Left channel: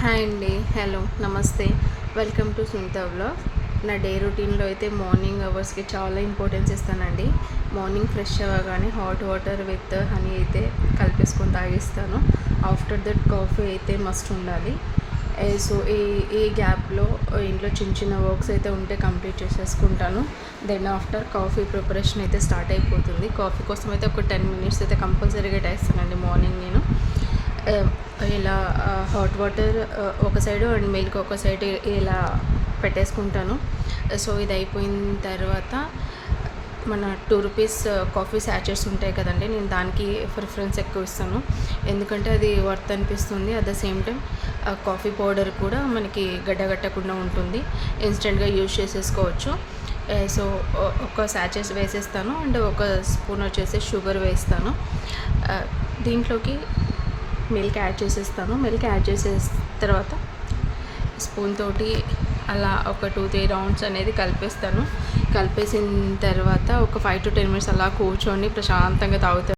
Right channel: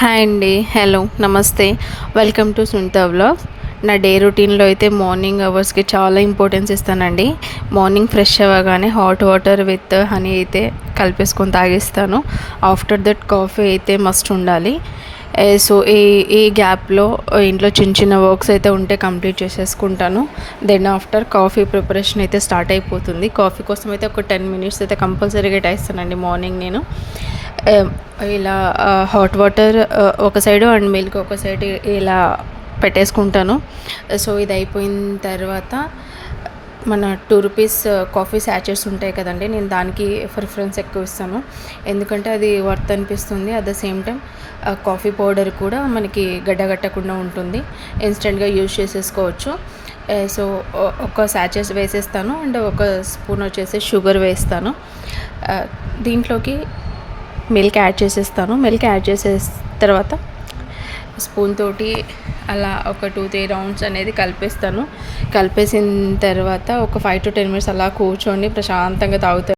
Hi అండి. Hello, నమస్తే. Welcome to Sunitha vlogs. నా డే రొటీన్లో అయితే మార్నింగ్ అవర్స్కి చాలా ఇంపార్టెన్స్ ఇస్తానండి. మార్నింగ్ ఫ్రెష్ అవ్వగానే హాట్ వాటర్ విత్ హనీ అయితే కలిపేసుకొని తాగిస్తాను. ఆఫ్టర్ దట్ కాఫీ అయితే మస్ట్ ఉండాలి. సో ఈ గ్యాప్లో ఇంట్లో చిన్న చిన్న వర్క్స్ అయితే ఉంటే కంప్లీట్ చేసేసుకుంటాను. దెన్ ఆఫ్టర్ కాఫీ ప్రిపరేషన్ అయితే స్టార్ట్ అయిపోతుంది. కాఫీ కోసం అయితే ఒక 10 మినిట్స్ అయితే కంపల్సరీగా కేటాయిస్తానండి మార్నింగ్ నేను. ఇలా హాట్ వాటర్ ఒక సైడు అండ్ మిల్క్ ఒక సైడ్ ఇలా పెట్టేసుకుంటాను. సో ఇది అయిపోయిన తర్వాత మన 2 రూపీస్ కాఫీ శాచెట్స్ ఉంటాయి కదండి, నేను దానికి ప్రిఫరెన్స్ ఎక్కువ ఇస్తాను. ఎందుకంటే అది వర్త్ అనిపిస్తుంది. At the same time coffee powder కూడా మనకి గడ్డగట్టకుండా ఉంటుంది. ఇన్స్టెంట్గా యూజ్ చేసేసుకోవచ్చు. సో ఒక శాచెస్ వేసేస్తాను అండ్ ఒక స్పూన్ వచ్చేసి షుగర్ వేస్తాను. దీంట్లోకి మిల్క్ యాడ్ చేసేస్తాను. మిల్క్ యాడ్ తర్వాత స్పూన్ తోటి అలా ఒక 2-3 రౌండ్స్ అనేది కలిపేస్తాను. కలిపేసిన తర్వాత ఒక 5 to 10 మినిట్స్ అలా కూర్చొని ప్రశాంతంగా తాగుతాను.